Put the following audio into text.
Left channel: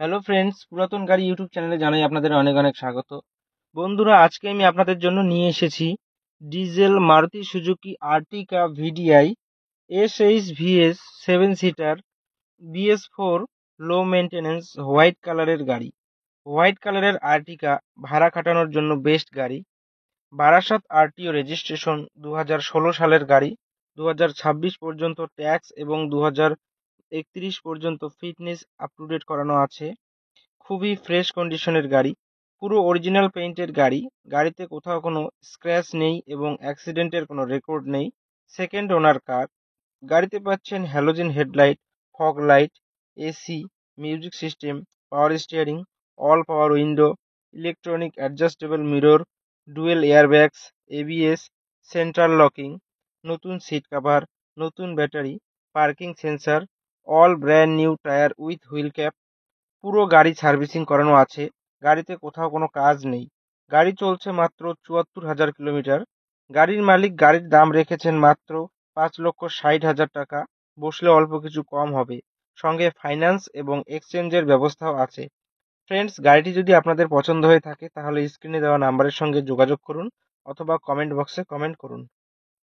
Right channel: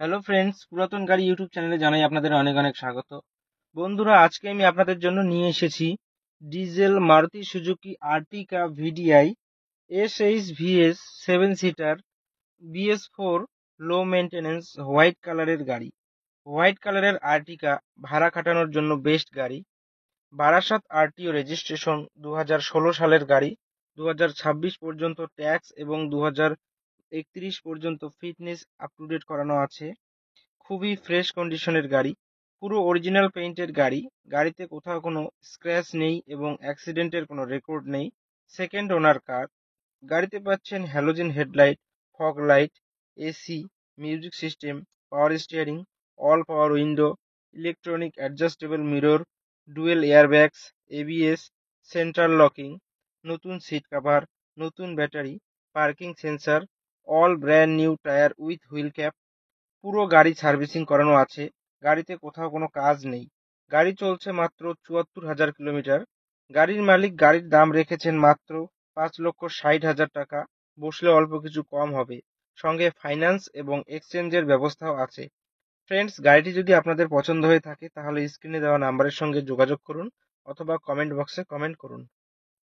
Hello friends, পুরাতন গাড়ি YouTube চ্যানেলে জানাই আপনাদের অনেক অনেক স্বাগত। বন্ধুরা, আজকে আমি আপনাদের জন্য নিয়ে এসেছি diesel Maruti Suzuki আর্টিকা VDI SHVS 7 seater BS4 লো মেনটেন্যান্স হোয়াইট কালারের গাড়ি। হোয়াইট কালারের আর্টিকা ভাড়া খাটানোর জন্য বেস্ট গাড়ি। বারাসাত আরটিও রেজিস্ট্রেশন 2016 সালের গাড়ি। 2026 পর্যন্ত ট্যাক্স এবং 2031 পর্যন্ত ফিটনেস আপ টু ডেট করানো আছে। খুবই ফ্রেশ কন্ডিশনের গাড়ি, পুরো অরিজিনাল পেইন্টের গাড়ি। গাড়িতে কোথাও কোনো স্ক্র্যাচ নেই এবং অ্যাক্সিডেন্টের কোনো রেকর্ড নেই। Second owner car. গাড়িতে পাচ্ছেন halogen headlight, fog light, AC, music system, power steering, all power window, electronic adjustable mirror, dual airbags, ABS, central locking, নতুন সিট কভার, নতুন battery, parking sensor, all brand new tyre with wheel cap. পুরো গাড়ি servicing করানো আছে। গাড়িতে কোথাও কোনো কাজ নেই। গাড়ি চলছে মাত্র ৭৪,০০০ কিলোমিটার। গাড়ির মালিক গাড়ির দাম রেখেছেন মাত্র ৫,৬০,০০০ টাকা। বসলে অল্প কিছু কম হবে। সঙ্গে ফাইন্যান্স এবং এক্সচেঞ্জের ব্যবস্থাও আছে। ফ্রেন্ডস, গাড়িটি যদি আপনাদের পছন্দ হয়ে থাকে তাহলে স্ক্রিনে দেওয়া নাম্বারের সঙ্গে যোগাযোগ করুন অথবা কমেন্ট বক্সে কমেন্ট করুন।